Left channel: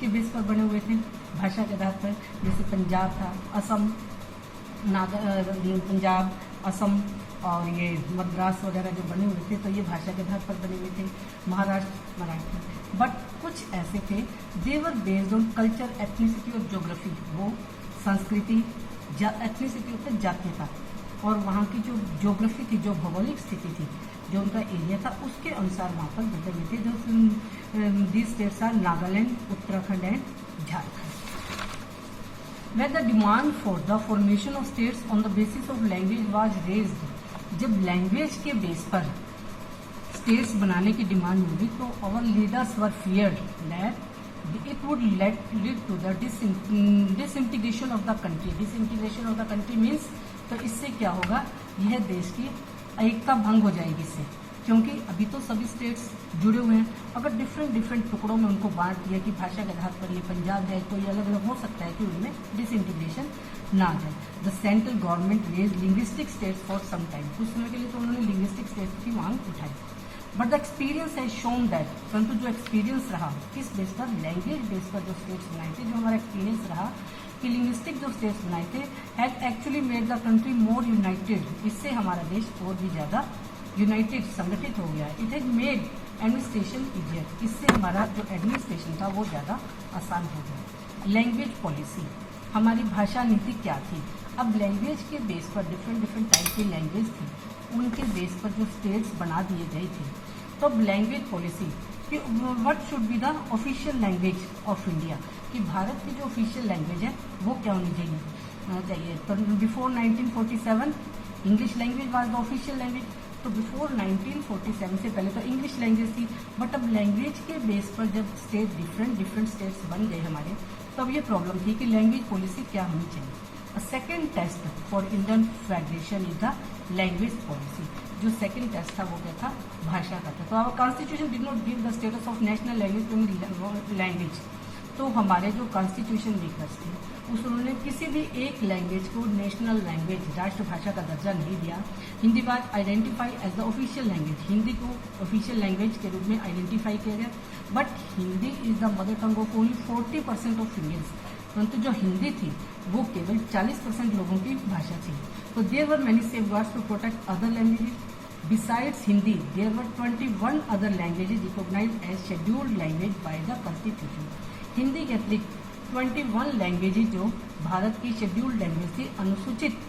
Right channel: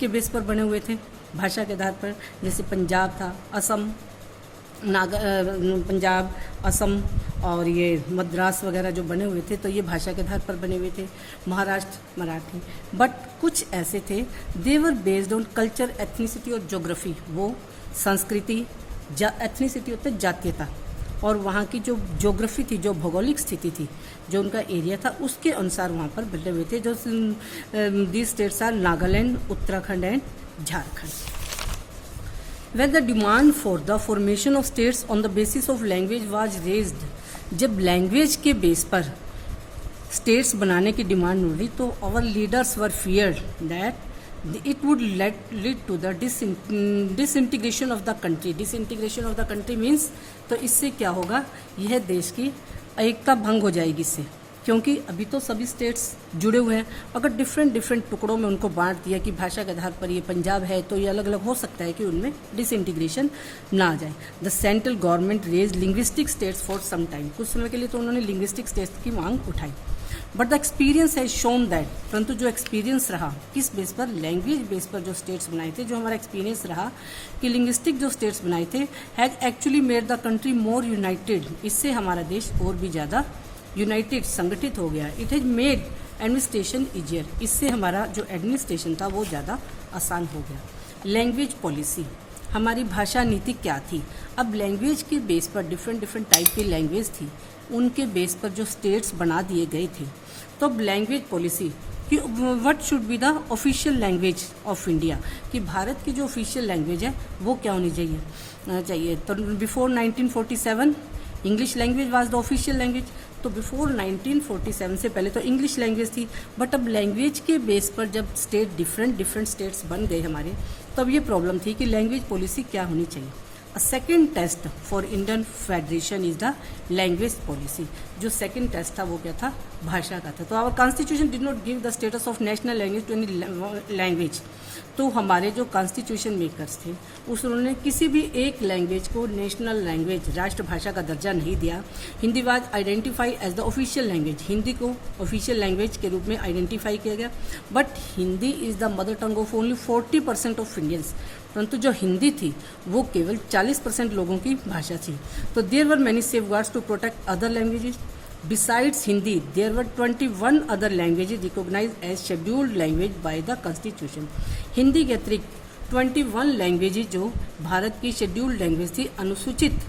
के बेस पर बने हुए थे, भाषा के आधार पर। जैसे पंजाब था, असम, पंजाब, असम और ये मद्रास वगैरह जो बने हुए थे, तो ये भाषा के आधार पर बने हुए थे। महाराष्ट्र मराठी। बट कुछ ऐसे थे देवर बेस्ड ऑन कल्चर, एथनिसिटी और ज्योग्राफी। वो संस्कृति, एथनिसिटी होते जातीयता, और वहाँ की जो ज्योग्राफी थी, जो भौगोलिक स्थिति थी, जो उनका एरिया था, उसके अनुसार वहाँ पर बने हुए थे। जो these states are Nagaland, Uttarakhand and Jharkhand. When the demand for the formation of states on the basis of language was raised, जब लैंग्वेज के बेस पर स्टेट्स बनाने की डिमांड हुई तो our leaders were feared that it would lead to the disintegration of the country. Disintegration of the country means, तो इससे क्या होगा, यह देश की एकता भंग हो जाएगी इससे, क्योंकि अभी तो सभी स्टेट्स जुड़े हुए हैं। अगर डिफरेंट टुकड़ों में उनको बांट दिया कि भाषा के आधार पर ये पंजाब है, तो ये अलग अलग हो सकता है कि उनमें डिसइंटीग्रेशन ना आ जाए। The central government raise linguistic states for some time, कुछ समय के लिए तो उन्होंने लिंग्विस्टिक स्टेट्स की मांग उठाई। But the experience has shown that, परंतु जो एक्सपीरियंस रहा किस बेस पर, लैंग्वेज बेस पर जो स्टेट्स बनाए थे, जो हमारा एक्सपीरियंस रहा कि लिंग्विस्टिक जो स्टेट्स बनाए थे has actually made the country more United, इससे हमारा देश और भी ज़्यादा यूनाइटेड, संगठित हो गया। It has made administration easier, इससे हमारा जो एडमिनिस्ट्रेशन था वो ज़्यादा आसान हो गया। लैंग्वेज पॉलिसी, हमारी भाषा नीति क्या थी। अब लैंग्वेज के बेस पर डिफरेंट टाइप की लैंग्वेज थी, उनके बेस पर जो स्टेट्स बना दिए गए थे। तो अब लैंग्वेज पॉलिसी कि what should be the official language of India, कि भारत की जो ऑफिशियल लैंग्वेज है वो क्या होनी चाहिए। तो before 1947 English language was the official language. तो बिफोर 1947 से पहले तो इंग्लिश लैंग्वेज थी, बट अब लैंग्वेज के बेस पर जब स्टेट डिफरेंट स्टेट्स बन गए हमारे, तब ये प्रॉब्लम थी कि लैंग्वेज पॉलिसी क्या होनी चाहिए। A second test for Indian federation is the language policy. जो सेकेंड टेस्ट था वो क्या था, भाषा का था। तो our constitution did not give the status of national language to any language. तो हमारे जो कॉन्स्टिट्यूशन मेकर्स थे उन्होंने किसी भी एक लैंग्वेज को नेशनल लैंग्वेज, राष्ट्रभाषा का दर्जा नहीं दिया। Hindi was identify as the official language, Hindi को ऑफिशियल लैंग्वेज के रूप में आइडेंटिफाई किया गया। But Hindi is the mother tongue of only 40% of Indians, परंतु जो हिंदी थी वो केवल 40% लोगों की भाषा थी। तो there were many safeguards to protect other languages. Besides Hindi, there were 21 other languages recognized as scheduled language by the Constitution. Hindi के अतिरिक्त 21 लैंग्वेजेज जो भारत की शेड्यूल्ड लैंग्वेज थी, अनुसूचित